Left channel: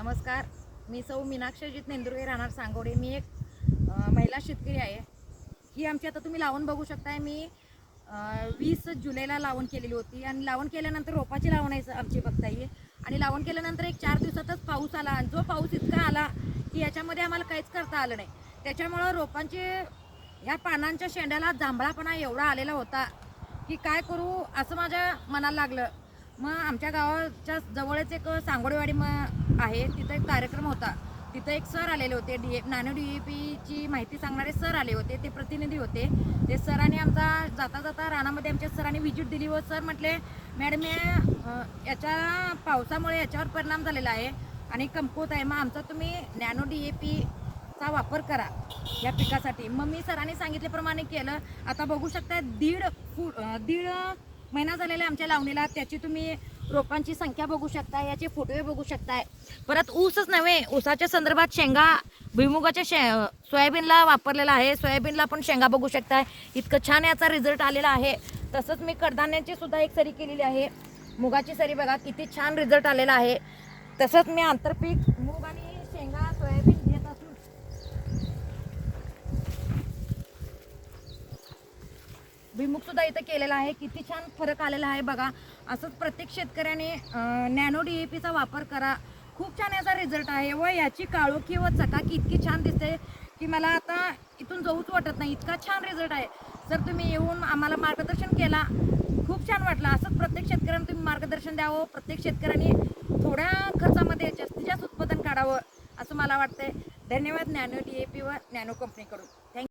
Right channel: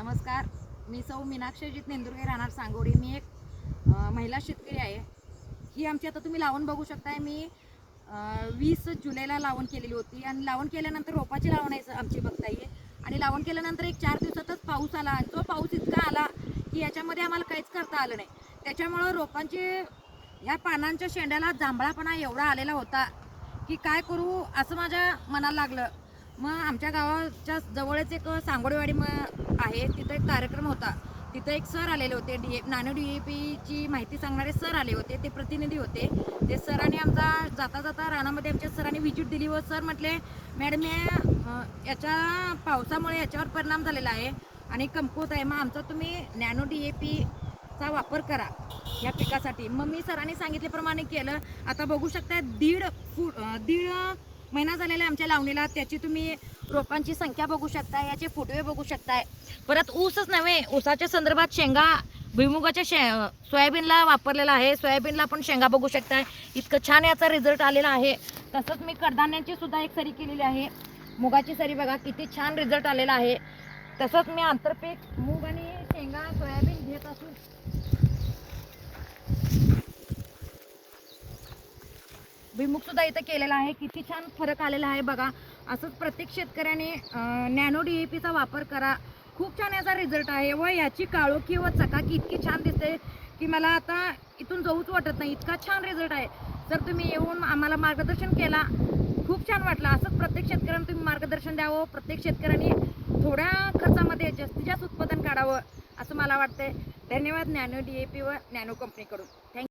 नमस्कार, मी सौ मीनाक्षी अजित नेंदुरगे, राहणार सांगोडे. मी एक महिला शेतकरी आहे. ही आमची आता तुम्ही लावण बघू शकताय. मी 20 जुलैला लावण केलेली होती आणि लावण केल्यानंतर रोपाची लावण आहे आमची बघता येईल. आणि लावण केल्यानंतर एक 4 दिवसातच पाऊस आला आणि जो पाऊस इतका आला की याच्यामध्ये आम्हाला काहीच करता आलं नाही. त्याच्यामुळं रोपांचे ह्या पानांच्या शेंड्याला जांभळापणा एवढा आलेला होता की काय करू असं माझ्या मनाला लागलं. मग आमच्या गावाच्या जवळच एक सांगोडेवाडी आहे, तिथं एक कार्यक्रम होता. तिथं एक सर आलेले होते, नॅनो DAPची माहिती सांगणारे सर आले होते, ते प्रतिनिधी होते. ते सरांनी आमचा जाता जाता रानामध्ये आमच्या सरांनी व्हिजिट दिली व सर म्हटले, मॅडम याच्या पावसामुळे याच्यावर परिणाम झालेला आहे आणि कमकुवत आहे, मग आमचा तुम्ही नॅनो DAPचा वापर करा या पिकासाठी. मग मी सरांनी सांगितल्याप्रमाणे केलं. आता बघू शकता दीड महिना झालेला आहे आमच्या लावणीला. त्याची तुम्ही रोपांची संख्या बघू शकता, याचे फुटवे बघू शकताय. परत ऊसच नव्हे, ऊसाच्या संदर्भात शेंगा, भुईमुगाच्या सोयाबीनला वापरलेला आहे. सोयाबीनला पण शेंगा बघू शकताय. इतकं छान याचा रिझल्ट आलेला आहे. तसंच मी कडधान्यांची सुद्धा एक सरी केलेली आहे. मुगाची सरी बघा किती छान रिझल्ट आलेला आहे. तसंच मी आंतरपीक मूग आणि शेंगा सोयाबीन घेत असून भुईमुग सुद्धा इथं केलेला आहे. किती छान फरक आलेला आहे बघा. असंच प्रत्येक शेतकऱ्याने नॅनो DAPचा वापर करा. खूप छान याचा रिझल्ट आहे व याची काळोखी व चकाकी इतकी छान दिसते की मला आता इथून जाऊच वाटत नाही, इतका छान रिझल्ट आहे. सर तुम्ही येऊन आम्हाला मार्गदर्शन केला, खूप छान वाटलं. असंच प्रत्येक शेतकऱ्यांना तुम्ही मार्गदर्शन द्यावं. प्रत्येक शेतकऱ्यांनी थोड्या खर्चामध्ये जास्तीत जास्त उत्पादन काढावं असं मला वाटतंय. धन्यवाद नॅनो DAP व नॅनो कंपनीकडून. थँक्यू.